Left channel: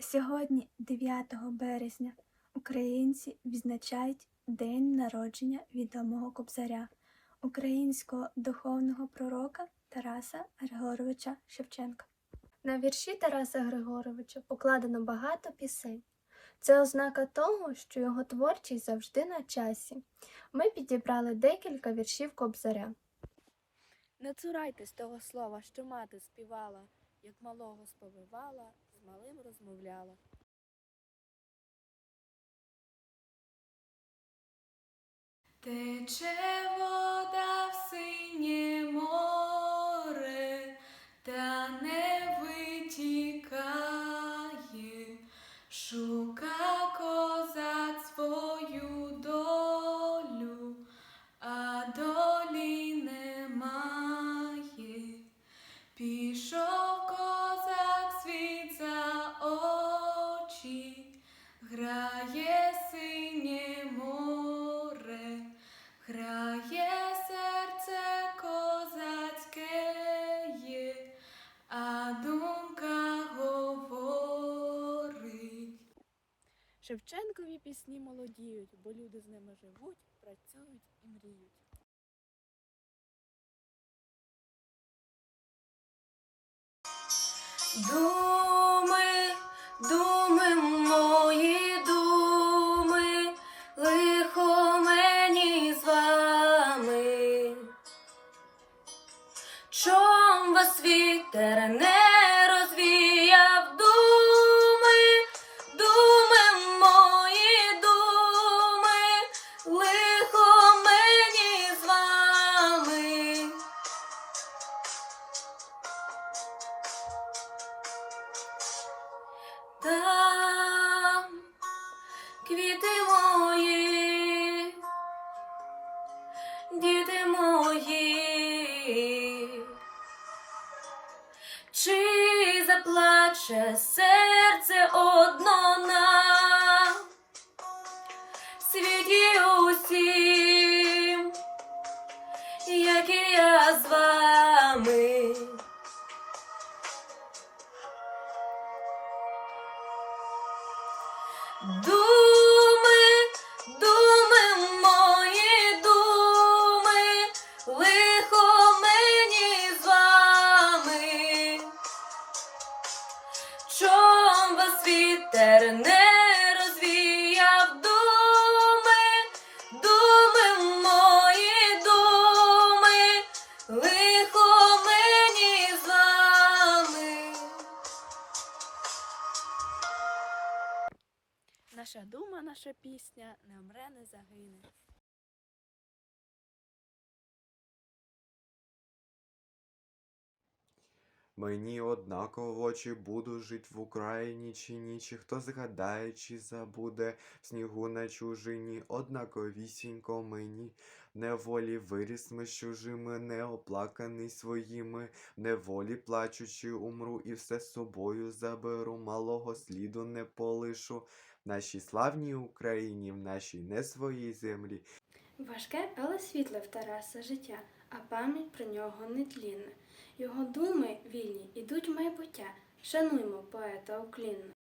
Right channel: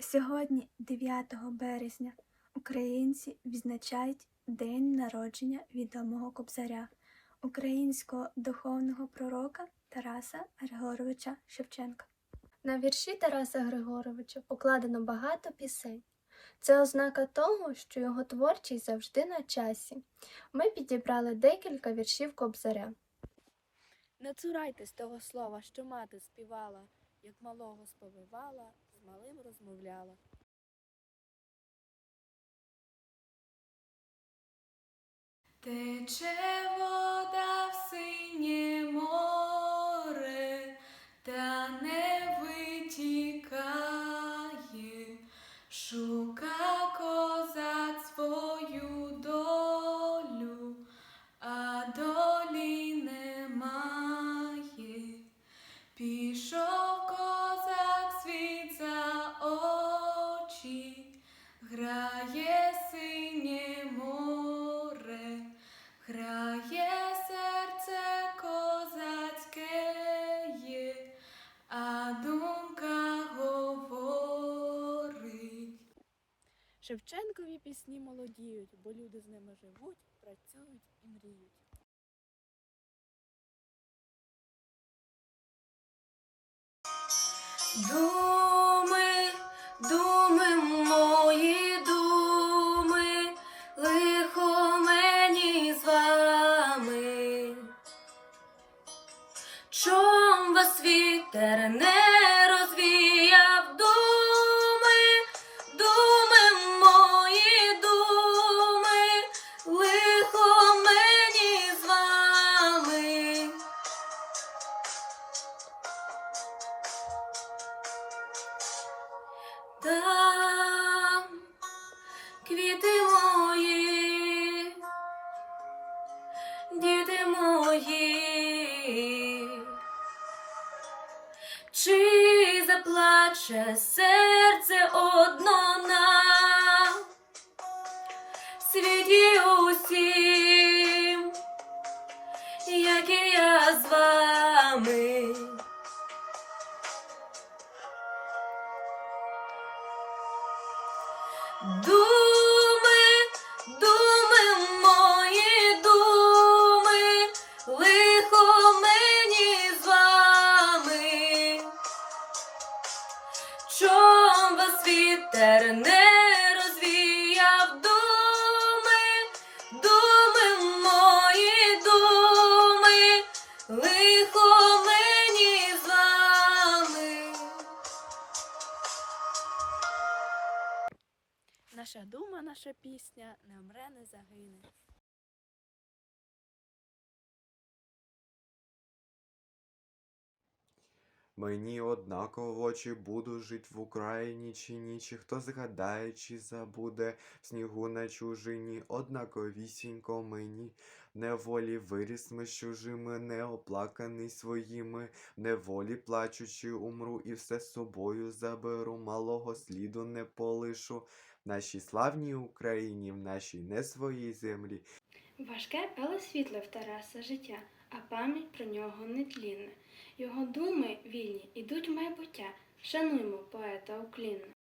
Сьогодні, 9 березня, українці відзначають День народження відомого кобзаря, українського духовного пророка Тараса Григоровича Шевченка. На вірші Тараса Григоровича покладено багато пісень. Це ознака того, що його творчість завжди на часі. Ми підібрали декілька віршів кобзаря. Не цурайтесь того слова, що мати співала, як малого сповивала, з малим розмовляла. Тече вода в синє море, та не витікає, Шевченкові пісні молодіють, бо люди з ними живуть, працюють і мріють. Думи, Там квіти мої, діти мої, чи заплаче серце одно на світі усім, як і я з вами. Думи, думи, мої думи, лихо мені з вами. Чом вас вітер не Наша дума, наша пісня не вмре, не загине. Мені однаково, чи буду жить в Україні чи ні, чи хто згадає, чи забуде в снігу на чужині, однаковісінько мені. Неволі виріс ми з чужими, неоплаканий своїми, неволі плачучи, умру і все з собою заберу, малого сліду не полишу. В нашій славній Україні, в нашій не своїй землі, Важке, але світле в Тараса життя, а пам'ять про нього нетлінна. Його думи вільні ідуть в майбуття. Шануймо поета уклінно.